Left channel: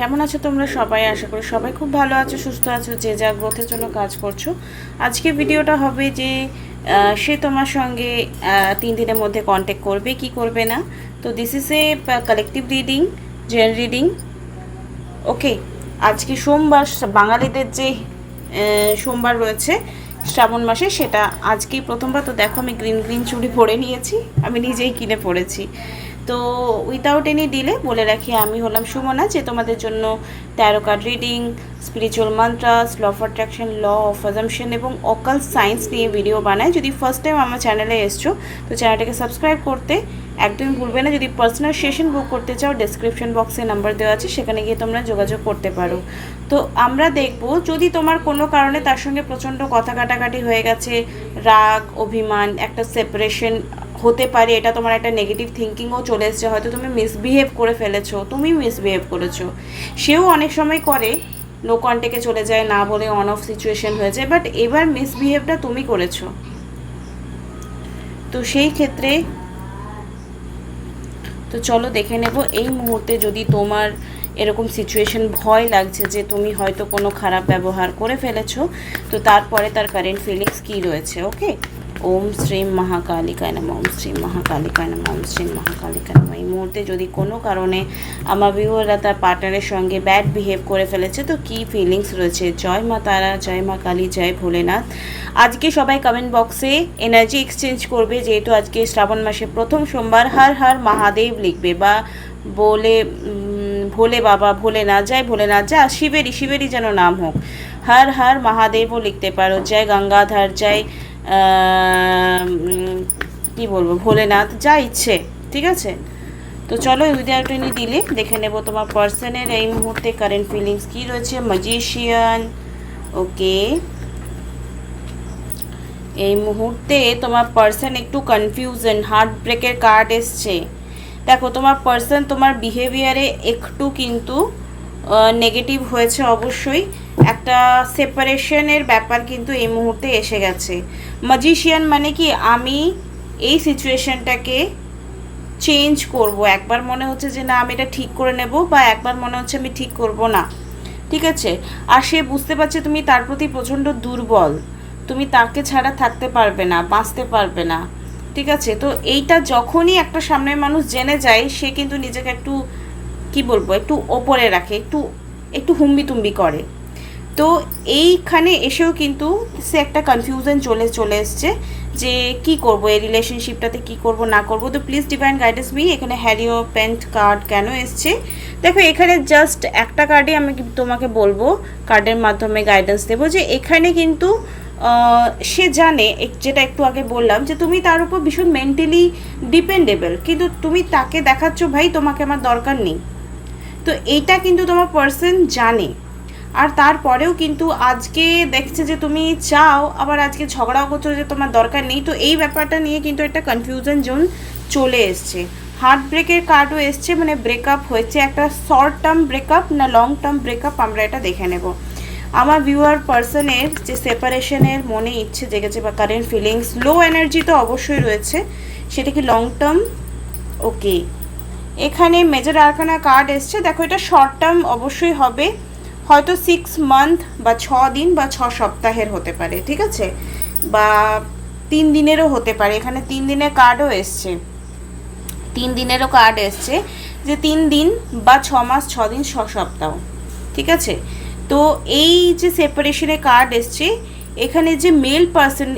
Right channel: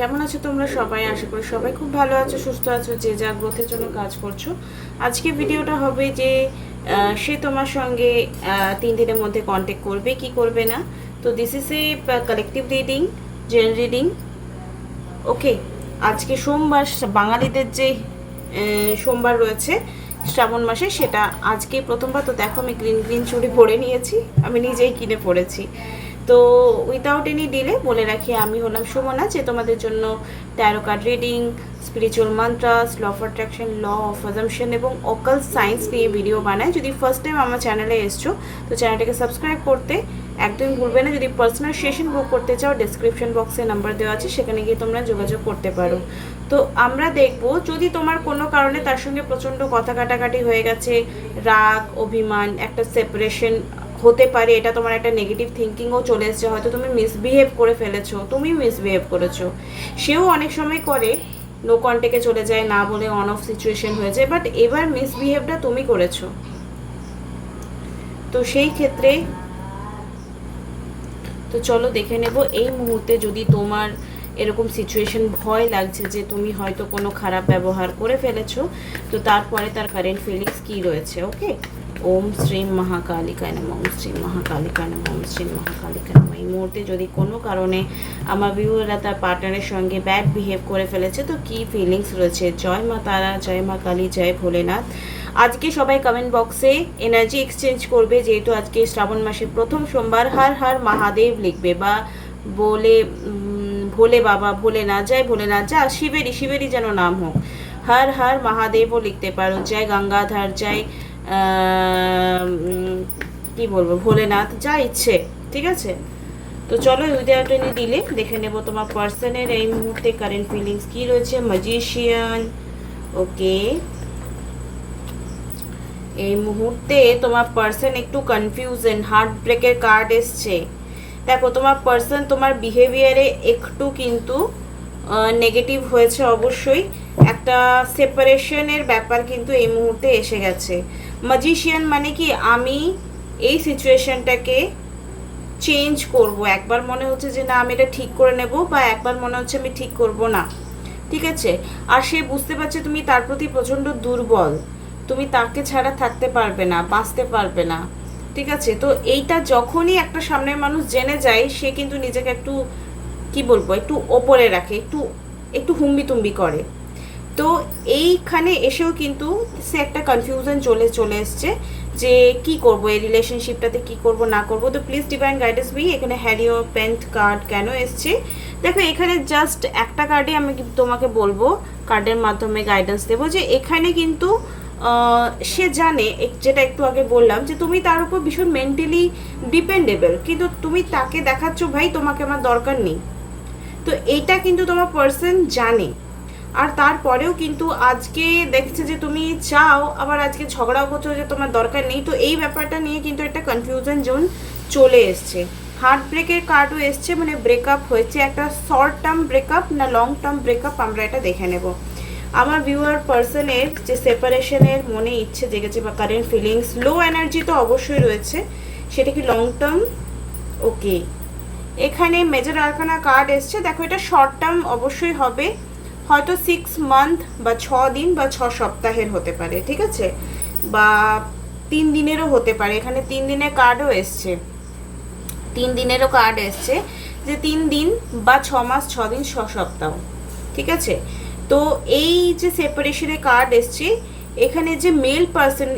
কেমন আছো তোমরা সবাই? আশা করি সবাই খুব ভালো আছো, সুস্থ আছো, যে যা গ্রোথের জন্য কাজ করছো। আজকে ভিডিওটা হবে যে সে তোমার সঙ্গে 3 দিনের মধ্যে কন্ট্যাক্ট করবে কি করবে না। তো this is a collective reading, gen reading. Okay, আজকে সোমবার, বাঙালিদের যে সোমবার রয়েছে শ্রাবণ মাসে, সেটা আজকেই প্রথমবার। তো দেখো আমি গ্রিন গ্রিন চুড়ি পরে নিয়েছি, আমি নিজেই কিনে পরেছি। তো উইথাউট এনি ডিলে বলে রাখি, আমি হলাম সুমনা, যে তোমাদের জন্য tarot card reading, spiritual mantras, law of attraction, law of assumption এবং অকাল সায়েন্স নিয়ে ভিডিও বানাই। যদি ফার্স্ট টাইম আমার চ্যানেলে এসছো তো চ্যানেলটাকে সাবস্ক্রাইব করতে একদমই ভুলবে না। যদি পার্সোনাল সেশন বুক করতে চাও, ডেসক্রিপশন বক্সে নাম্বার দেওয়া আছে, সেখানে গিয়ে তোমরা যোগাযোগ করতে পারো। তো আমরা দেখব, যদি তোমার কোনো কারণে তার সঙ্গে প্রচণ্ড কথা কাটাকাটি হয়ে গেছে, রাগ, অভিমান, একটা সেপারেশন হতে পারে, এটা তোমার একটা নেগেটিভ থিঙ্কিংও চলে এসছে, হয়তো তুমি মিসবিহেভ করে ফেলেছো, তুমি মিসবিহেভ করেছো, সেও অনেক সময় করে, নো কন্ট্যাক্টে চলে যায়, না বলে অন অফ সিচুয়েশন হয়ে যায়, বাট এবার মিসবিহেভটা তুমি করেছো। তো সেই ক্ষেত্রে তো চলো দেখে নেব এই মুহূর্তে, যদি তোমার এরকম সিচুয়েশন ভয় লাগছে যে তুমি হয়তো কোনো খারাপ ব্যবহার করে ফেলেছো, তো তারপরে তার কারেন্ট ফিলিংস কী রয়েছে। ওকে, ওম শ্রীম মহাকালিকায় নমঃ, ওম শ্রীম মহাকালিকায় নমঃ, ওম শ্রীম মহাকালিকায় নমঃ। এই মুহূর্তে যদি কোনো কারণে আমার ভিউয়াররা তার পার্টনারের সঙ্গে ব্যাড বিহেভ করে ফেলেছে, তো কী ফিলিংস রয়েছে। জয় মা তারা, জয় মা কালী, জয় ভোলেনাথ। আজকে সবাই কমেন্ট বক্সে এনার্জি এক্সচেঞ্জ করবে, যেহেতু আজকে শ্রাবণ মাসে প্রথম সোমবার। হর হর মহাদেব লিখবে, বা বলে ভোলে বাবা, ভোলেনাথ, জয় ভোলেনাথ, যা শিবেরই যেন নাম হোক। হর হর মহাদেবও লিখতে পারো, জয় গঙ্গাধর, জয় কী বলবো, ভোলেনাথ, যা ইচ্ছে, ঠিক আছে। তো চলো উইদাউট এনি ডিলে দেখে নেব তোমার পার্সনের এই মুহূর্তে কারেন্ট ফিলিংস কী রয়েছে। ম্যাজিশিয়ান। ওকে, এই মুহূর্তে তোমার পার্সন একটু কনফিউশন, হার্ট ব্রেকের কার্ড এসছে। দেখো, তোমার পার্সন তোমার বিহেভিয়ারে একটু কিন্তু নেগেটিভ হয়েছে, অবশ্যই একটা সেপারেশনের ব্যাপার কিন্তু এই মুহূর্তে এসে গেছে। ম্যাজিশিয়ান মানে কি, আমি এই সিচুয়েশনটাকে চেঞ্জ করব। একবার মনে হচ্ছে যে না, আমি এটা ঠিক করে নেব, বা একবার মনে হচ্ছে আমি ঠিক করব না, ঠিক আছে। আর সে বুঝতে পারছে তুমি তার প্রতি প্রচণ্ড দুর্বল, তুমি তাকে ছাড়া থাকতে পারবে না, বাঁচতে পারবে না, ঠিক আছে। তো এইটা যখনই একটা সামনের মানুষ জেনে যায়, সে কিন্তু নিজেকে একটু কি বলবো, একটু ওপরে রাখে, একটু একটু হুম্বি তুম্বি করে। তো এইখানে এসেও কিন্তু সে একটা কনফিউশন চলে এসছে যে কি করব, এই রিলেশনশিপটাতে কি করব না করব। তো প্লিজ ডিভাইন গাইডেন্স মি। এখানে হ্যারিও পেন্ট কার্ড কেন এসছে দেখো, এখানে জাস্ট একটা কার্ডে আমি তোমাকে বলবো, কার্ডের মাধ্যমে গাইডেন্স দেবো, যে এখানে কিন্তু সে জানে, যেটা একটু আগে বললাম, যে তুমি তার উপর ভীষণ মেন্টালি ডিপেন্ডেবল, কিন্তু তুমি তাকে দেখাচ্ছ ভাই তোমাকে আমার দরকার নেই। তো এইটা কিন্তু তোমার পার্সন জানে, আর তারপরেও কিন্তু আজকে দেখছে যে তুমি চাও, আবার আজকে ঝগড়াও করছো যে তোমার দরকার নেই। তো এই ব্যাপারটা নিয়ে কিন্তু একটা কনফিউশন জোন চলে এসছে। হার্ট ব্রেকের কার্ডও এসছে, মানে ব্রেকআপ হয়েছে, একটা শর্ট টার্ম ব্রেকআপ না লং টার্ম ব্রেকআপ, আমরা এটা দেখে নেব। আমার ভিউয়ার পার্সনের যে সেপারেশনের মনে ইচ্ছে জেগেছে বা কারেন্ট ফিলিংস, লো এনার্জি তো অবশ্যই রয়েছে, সেটা কি লং টার্ম। ওকে, এখানে মেজর আরকানা কার্ড এসছে। দেখো, এটা শর্ট টার্ম অবশ্যই হবে, হয়তো 6 মান্থ বা 6 দিন বা 6 সপ্তাহের হতে পারে, ঠিক আছে, বা 3 দিনেরও হতে পারে। এখানে 3 দিনের কার্ডও এসছে, 3 দিনেরও কার্ড এসছে, যে 3 দিন বা 6 মাস, 6 দিন, 6 সপ্তাহ, ঠিক আছে। তো এই যে সেপারেশনের কার্ড এসছে, এখানে যে মেল পার্সন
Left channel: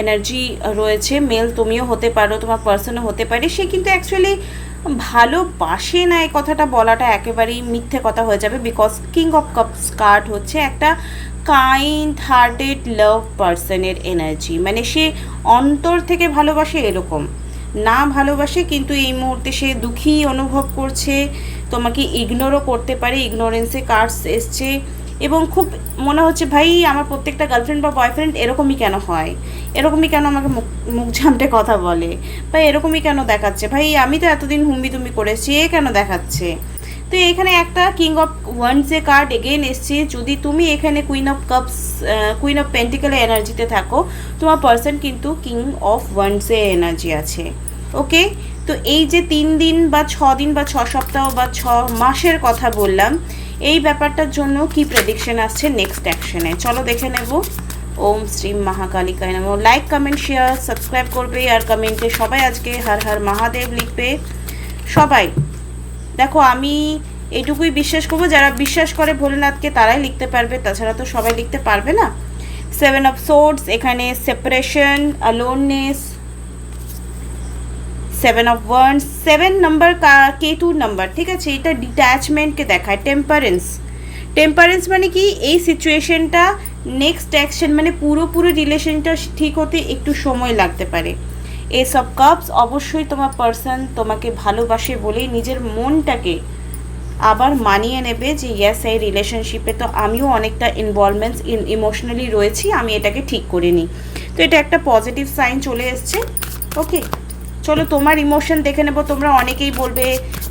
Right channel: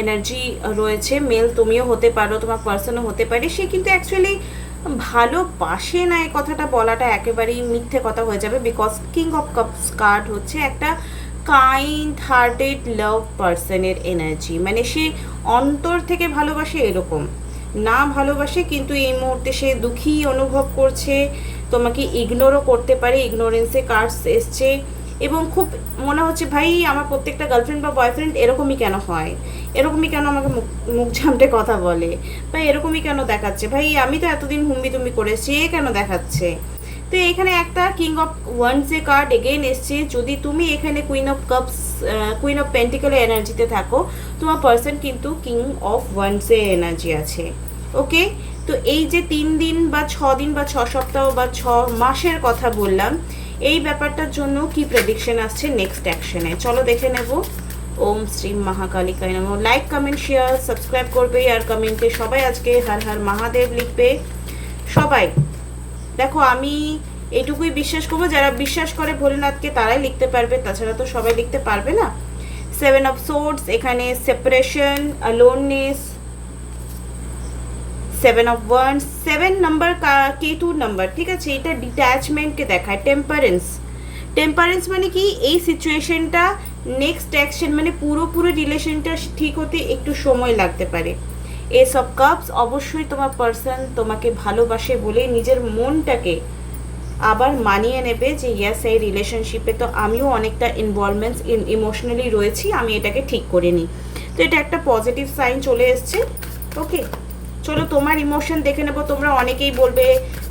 এনার্জি রয়েছে, মেল তুমিও হতে পারো, তোমার পার্সনও হতে পারে, সে কিন্তু অ্যাকচুয়ালি ভালোবাসে না, এই কথাটা বলাটা একেবারেই মিথ্যে কথা হয়ে যাবে, because king of cups card হচ্ছে একটা কাইন্ড হার্টেড লাভ পার্সনের এনার্জি, মানে সে অন্তর থেকে ভালোবাসে এরকম না, ভালোবাসে কিন্তু এই মুহূর্তে সে দুঃখী অনুভব করছে, তোমাকে ইগনোরও করতে পারে, ইগনোরেন্সে কার্ডস এসছে, এবং খুব মনে হচ্ছে ভাই আমার প্রত্যেকটা গার্লফ্রেন্ড বা বয়ফ্রেন্ড এরকমই কেন হয়, এরকমই কেন আমাকে মুখ ঝামটে কথা বলে, বা এরকমই কেন দেখাচ্ছে, ভাই আমি তো এতদিন হুম্বি তুমি করেছি, এ কেন দেখাচ্ছে। তো এখানে একটা কিং অফ ওয়ান্ডসের কার্ড এগেইন এসছে। যদি তুমি এখানে queen of cups, queen of পেন্টিকেলের এনার্জিতে থাকো, তোমার পার্সন কিন্তু কিং অফ ওয়ান্ডসের এনার্জি আছে। ওকে, তো এই যে 3 দিন বা 6 দিন বা 6 সপ্তাহ বা 6 মাসের কথা বললাম, এই ব্যাপারটার জন্য কি প্রেডিকশন আসছে নেক্সট অ্যাকশনে, চলো দেখে নেব। ওম শ্রী মহাকালিকায় নমঃ। লাইক কমেন্ট শেয়ার সাবস্ক্রাইব করবে, আর কমেন্টে সবাই আজকে হর হর মহাদেব লিখবে সবাই। দেখো আমি এইটুকুই বিশ্বাস করবো, যারা বিশ্বাস করে ভোলেনাথকে তারাই লিখতে পারবে, তাছাড়া তো সবাই লিখতে পারবে না। 7 অফ সোর্ডস, এখানে separation, aloneness, 7 of wands, 7 number কেতুর নাম্বার, ঠিক আছে। এটা ডিট্যাচমেন্টকে দেখায়। টেম্পারেন্স মানে কি, এই সিচুয়েশনটা নেক্সট অ্যাকশন মানে পুরোপুরি রিলেশনটা ঠিক হতে একটু সময় লাগতে পারে। এস অফ কাপস, অবশ্যই তোমার পার্সন তোমাকে ভালোবাসে বলে নিজের মনটাকে আবার মানিয়ে নেবে যে ইয়াস এই রিলেশনশিপে তো আমিও অনেকটা ইনভলভমেন্টস ইমোশনালি রয়েছি, আমি এটাকে ঠিক করে নিই। তো এটা একটা পজিটিভ সাইন চলে এসছে। ওকে, চলো তোমার ইমোশন দেখে নেবো। তোমরা অনেকেই বলবে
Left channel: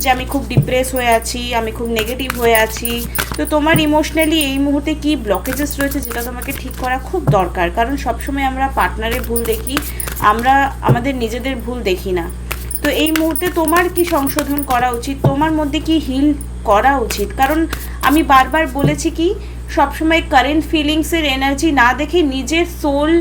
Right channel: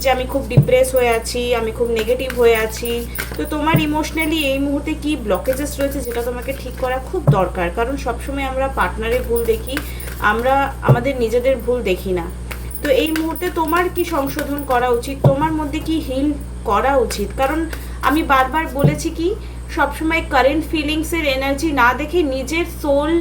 যে আমি খুব ডিপ্রেস হয়ে আছি, আমি খুব নেগেটিভ হয়ে আছি। তো তোমার ইমোশনালি এই মুহূর্তে কি ব্লকেজেস রয়েছে যেটা তোমাকে ঠিক করা খুব দরকার, কারণ সবসময় আমরা পার্টনারের ভুল দেখি, আমরা আমাদের নিজেদের ভুল দেখি না। তো এই মুহূর্তে তোমার কি সংশোধন করা উচিত, তোমার মধ্যে কি হিল করা উচিত, কারণ আমি বারবার বলেছি কি সবসময় কারেন্ট ফিলিংসের এনার্জি না দেখে নিজের সোল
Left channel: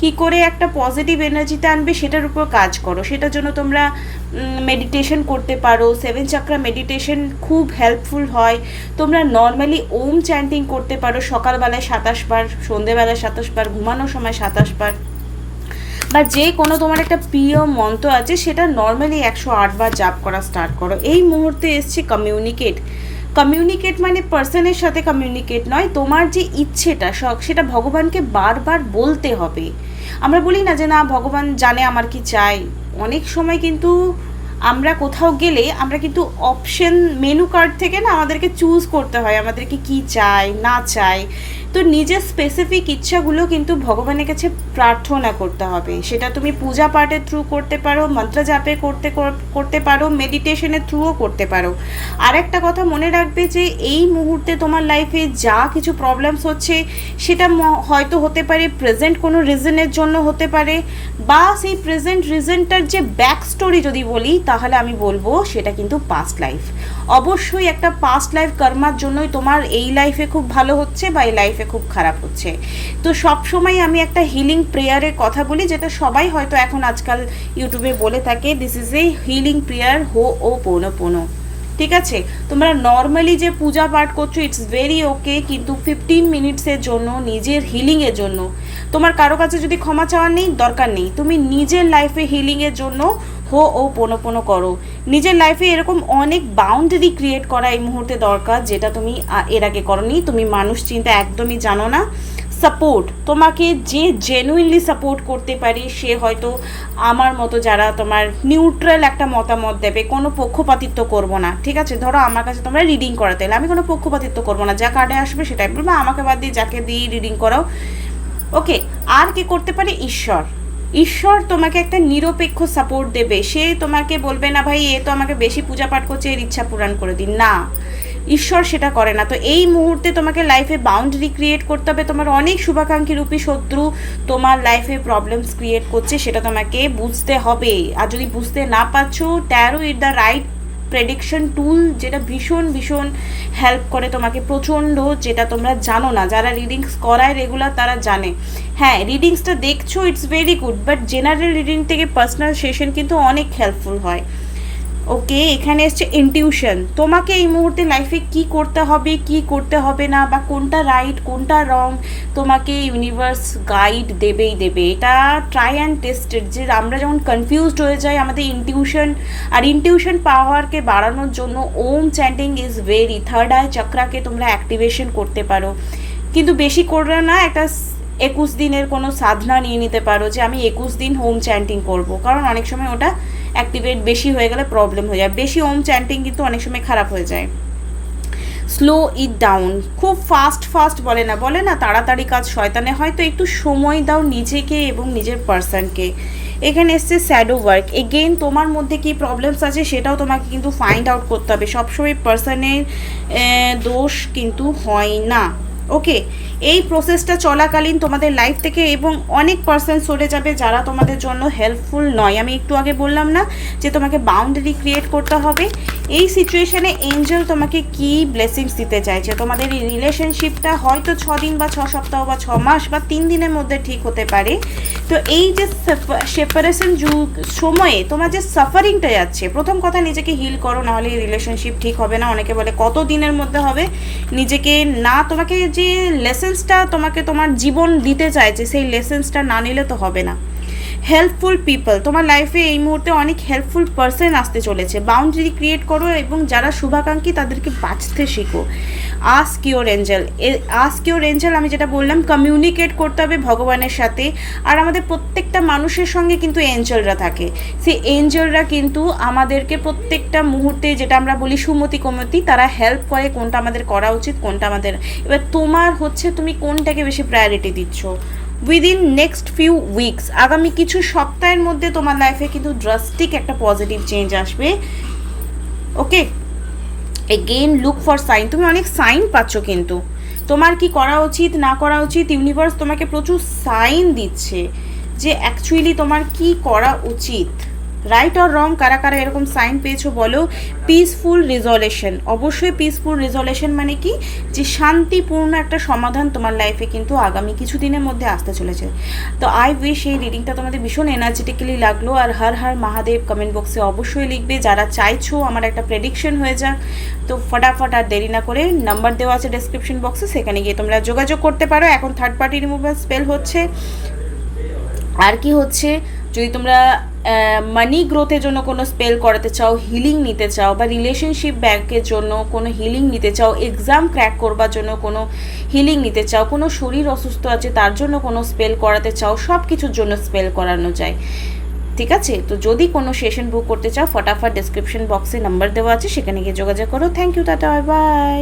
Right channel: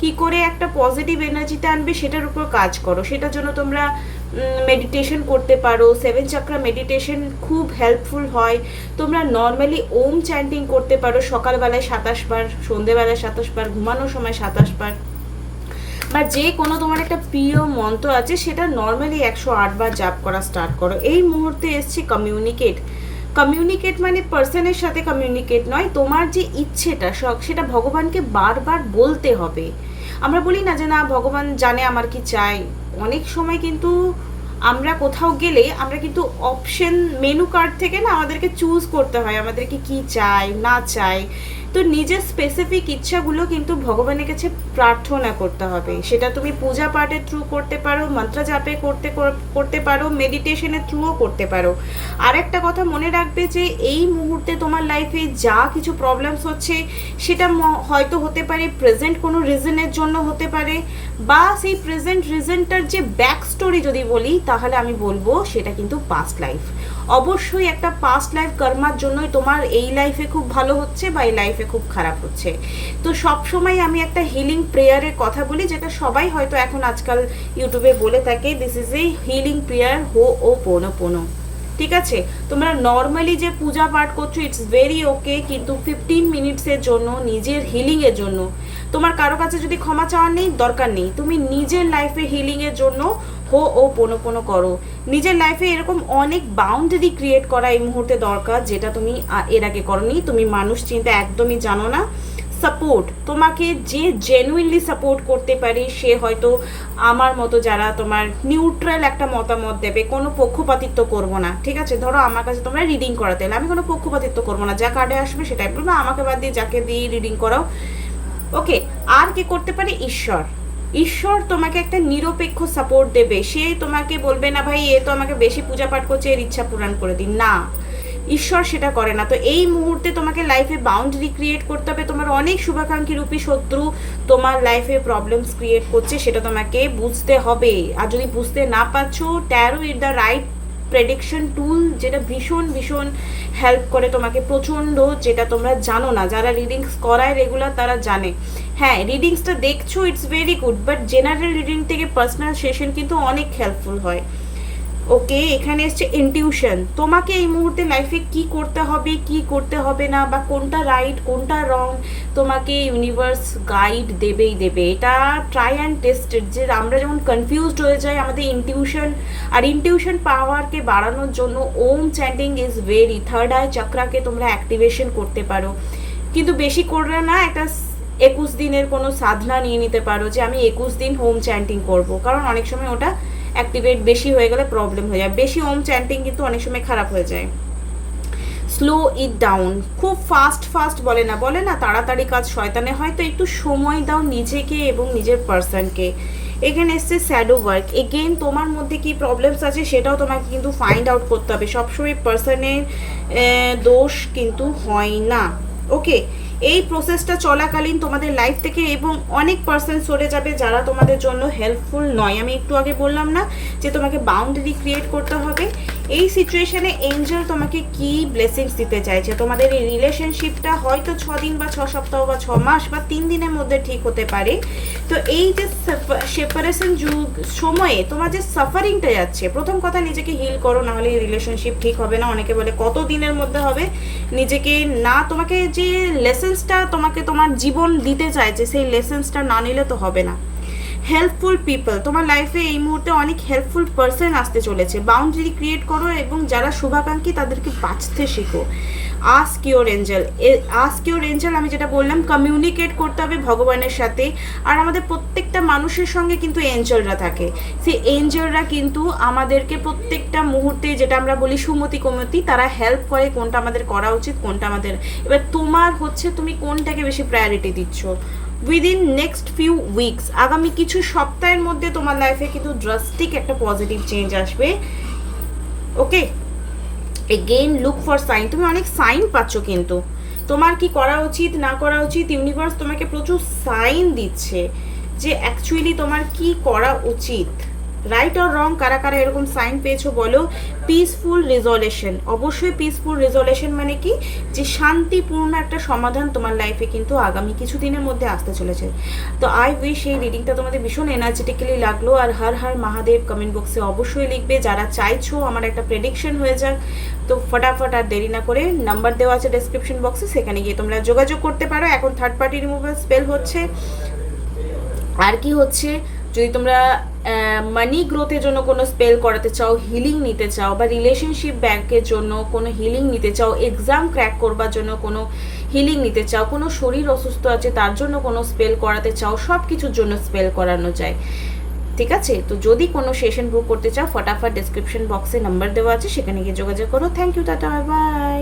কি করে একটা পজিটিভ এনার্জিতে আনবে সেটার উপর কাজ করো। সেটার জন্য তোমরা মেডিটেশন করতে পারো, 7 চাকরা মেডিটেশন খুব হেল্পফুল হয়। তোমরা নর্মালি ওম চ্যান্টিং করতে পারো, সকালবেলায় 27 বার, সন্ধেবেলায় 27 বার, ঘুমানোর সময় 27 বার, বা যে কোনো তোমার একটা প্রিয় মন্ত্র আছে সেটা নর্মালি 108 বার জাপ করা স্টার্ট করো। এই মুহূর্তে এসছে কমিউনিকেট মানে পার্সনের সাথে কমিউনিকেট নয়, তোমার যে ইচ্ছেটা শখ সেটা ভগবানকে বারবার বলতে হবে। আমরা বলি না যে না ভগবান জানে আমার কি চাই, অনেক সময় কিন্তু আমরা কোথাও গেলে আমরা কিন্তু অপশন মেনু কার্ড থেকে না আমাদেরকে চুজ করতে হয় আমাদেরকে কি চাই না চাই। তো নিজের স্পেসিফিক ইচ্ছাগুলো কিন্তু ভগবানের কাছে প্রার্থনা করতে হবে। সেটা তুমি পূজা পাঠের থ্রু করতে পারো, মন্ত্র জাপে করতে পারো, মেডিটেশনের থ্রুও করতে পারো। আর একটা কথা মনে রাখবে যে এই মুহূর্তে তোমার লাইফে যা কিছু প্রবলেমস হচ্ছে সেটা হয়তো হতে পারে প্রেজেন্ট কোনো রিজনের জন্য হতে পারে, বা সেই প্রেজেন্ট রিজনটার যে ব্যাক স্টোরি যদি বলি তাহলে আমি বলবো সেটা কিন্তু পাস্ট লাইফ। অবশ্যই একটা পাস্ট লাইফ কর্মার জন্যই তোমার এই লাইফে খুব ভালো হচ্ছে বা এই লাইফে খুব খারাপ হচ্ছে। তো সবসময় আমি একটা হিলিং প্রেয়ারের কথা বলি, যেটা সবাই হয়তো এখন আজকাল ইউটিউবে বলে থাকে, this is A healing prayer হো ও পোনো পোনো। ঠিক আছে, তোমরা নর্মালি যে পূজা পাঠ করছো ইটস ভেরি ওকে, কিন্তু 15 মিনিটসের জন্য নিজের হিলিংয়ের জন্য, তোমার কারো কাছে যদি ক্ষমা চাওয়ার নেই দরকার নেই, তুমি নিজের লাইফে হিলিংয়ের জন্য হো ও পোনো পোনো করো। নিজের লাইফে এরকম অনেক বাউন্ডারি ক্রিয়েট করা এই মুহূর্তে দরকার, যেটা তুমি এর আগে করোনি। তুমি মানুষ চিন্তা একদমই জানো না। সাপোর্ট, তোমাকে যে জেনুইনলি সাপোর্ট করতে পারে সে হয়তো আমার মতো যারা তোমার নিউট্রাল একটা মতামত দেবে, কোনো পক্ষপাতিত্ব করবো না। ঠিক আছে, ধরো আমার কাছে তোমরা রিডিং করাতে এলে আমি কোনো পক্ষপাতিত্ব করবো না, যা কার্ডে আসবে সেটাই বলবো, আমাকে বাদ দিয়ে যাকে দিয়ে রিডিং করাও। ওকে, আর কি করতে পারে? ঈশ্বর তোমাকে একটা নিরপেক্ষ সাপোর্ট দেবে। সে তোমাকে বলবে না ভাই এ তো আমাকে বেশি পূজা পাঠ করছে, এর ইচ্ছা পূরণ করে দিন, না, ঈশ্বর সেটা করে না। তো এই মুহূর্তে তোমাকে লাইফে বাউন্ডারি ক্রিয়েট করতে হবে। তোমার অনেক শুভাকাঙ্ক্ষী রূপী শত্রু তোমার লাইফে প্রবলেমস ক্রিয়েট করছে, সেটা তোমাকে বুঝতে হবে। আর যদি বুঝতে না পারছো, tarot is the right prediction tool, যেটা ভীষণ ভীষণ হেল্প করে তোমাকে প্রচণ্ড, যেটা তোমরা জানো না। যারা রিডিংস করায় রেগুলার তারা জানে। হ্যাঁ, রিডিংসটা দেখছো it's very good, but general reading থেকে পার্সোনাল সেশন কিন্তু অনেক হেল্পফুল হয়। ওকে, এখানে এসছে ইনটিউশন। তোমাকে এই মুহূর্তে লাইফে কি করতে হবে কি করতে হবে না, বা কোনটা রাইট কোনটা রং, তোমাকে ইউনিভার্স গাইড দেবেই দেবে। এটা ট্রাই অ্যান্ড টেস্টেড, যে আমরা যেমন কনফিউজড হয়ে যাই আমাদের ইনটিউশন, আর ইনটিউশন পাওয়ারকে বাড়ানোর জন্য Om chanting is very, third eye চক্রাকে তোমরা অ্যাক্টিভেশন করতে পারো, কিন্তু বেশি করলে না, একটা 21 দিনের কোনো সাধনা নিয়ে নিতে পারো যে আমি 21 দিন হোম চ্যান্টিং করব, কারণ অনেক সময় ওটা অ্যাক্টিভেট বেশি হয়ে গেলে প্রবলেম হয়ে যায়। বেশি ওম চ্যান্টিং কিন্তু অনেক সময় খারাপ হয়ে যায়। স্লো ইট ডাউন, খুব ফাস্ট বলে না তাড়াতাড়ি কাজ শয়তানে হয়, তো একটু সময় দাও নিজেকে এবং নিজের পার্সনকে। এখানে এসছে শ্যাডো ওয়ার্ক। এগেন তোমার মধ্যে কি প্রবলেমস আছে সেটাও তোমাকে কিন্তু ফাইন্ড আউট করতে হবে। সবসময় পার্সনের দোষ কিন্তু হয় না। ওকে, এই প্রসেসটা চলাকালীন তোমাদের লাইফ থেকে এবং অনেক পার্সন সরে যাবে যারা তোমাদের জন্য হেল্পফুল নয়। আমি একটু আগে বললাম না যে তোমাকে বাউন্ডারি ক্রিয়েট করতে হবে। এই সিচুয়েশনে এঞ্জেল তোমাকে কি ব্লেসিংস দিতে চাইছে, তোমাদের এই রিলেশনশিপটা হয়তো 6 দিন বা 6 সপ্তাহ বা 6 মাস বা 3 দিনের মধ্যে ঠিক হতে পারে। তো এই যে সেপারেশন সময়ে তোমার যে সাফারিংটা যাচ্ছে, প্রথম কথা নিজেকে হিল করো, নাহলে এই রিলেশনশিপ ঠিক হবে না। অনেকে বলে কত দিনের মধ্যে হবে, নিজেকে না, তোমাকে যে লেসেন্সটা তোমাকে তোমার জীবন দিতে চাইছে সেই লেসেন্সটা না নিলে তো হবে না। হেল্পফুল পিপল তোমার লাইফে এই মুহূর্তে অনেক হেল্পফুল পার্সন আসতে চলেছে। বাউন্ডারি ক্রিয়েট করো এবং যারা শুভাকাঙ্ক্ষী তাদেরকে বাঁচতে শেখো। Ask your Angel, ask your Angel, আমি যেটা বললাম কমিউনিকেট করতে হবে ভগবানের সাথে। আর আমাদের প্রত্যেকটা মানুষের সঙ্গে কিন্তু এঞ্জেলরা থাকে, সেই এঞ্জেলরা কিন্তু আমাদেরকে প্রত্যেকটা মুহূর্তে, যেটা আমরা বলি সুমতি কুমতি, তারা হেল্প করে কোনটা আমাদের করা উচিত কোনটা আমাদের। এবার তোমার হচ্ছে তুমি কোনটাকে বেশি প্রায়োরিটি দিচ্ছ। উইদিন নেক্সট ফিউ উইকস, আগামী কিছু সপ্তাহের মধ্যে তোমার লাইফে কিন্তু ড্রাস্টিক একটা পজিটিভ চেঞ্জ আসবে। ওকে, এগেইন লুক ফর সাইন, তুমি অনেক সাইন পাচ্ছ, কিন্তু তোমার কি করা উচিত না করা উচিত ইউনিভার্স তোমাকে প্রচুর সাইন দিচ্ছে যে অ্যাকচুয়ালি তোমার কি করা উচিত। রাইট অর রং, কারা কারা এরকম সাইন পেয়েছো বলো। পিসফুল রেজলিউশন, অবশ্যই পিসফুল রেজলিউশন মানে কি, যে শান্তিপূর্ণ একটা সমাধান তোমার লাইফে কিন্তু আগামী কিছুদিনের মধ্যে আসতে চলেছে। তো আই উইশ এই রিডিংটা তোমাদের ভীষণ এনার্জেটিক্যালি লাগলো। আর হর হর মহাদেব কমেন্ট বক্সে অবশ্যই লিখবে যারা চাইছো আমার একটা প্রেডিকশন হয়ে যাক। তো ফটাফট আর দেরি না করে, নাম্বার দেওয়া আছে ডেসক্রিপশন বক্সে, সেখানে গিয়ে তোমরা যোগাযোগ করতে পারো। এখন থার্ড পার্টি রিমুভাল স্পেল হচ্ছে। আর কি হচ্ছে, যদি তোমরা মানি গ্রোথের জন্য কোনো স্পেল করাতে চাও, হিলিং নিতে চাও, বা রিলেশনশিপ ব্যাংকের জন্য কোনো হিলিং নিতে চাও, এক্সাম ক্র্যাক করবার জন্য কোনো হিলিং নিতে চাও, কোনো শরীর অসুস্থ আছে তার জন্য কোনো স্পেল করাতে চাও, সব কিছুর জন্য স্পেল করানো যায়। ঠিক আছে, তো যদি কোনো সেশন বুক করতে চাও ফটাফট ডেসক্রিপশন বক্সে নাম্বার দেওয়া আছে, সেখানে গিয়ে যোগাযোগ করো। Thank you, tata, by.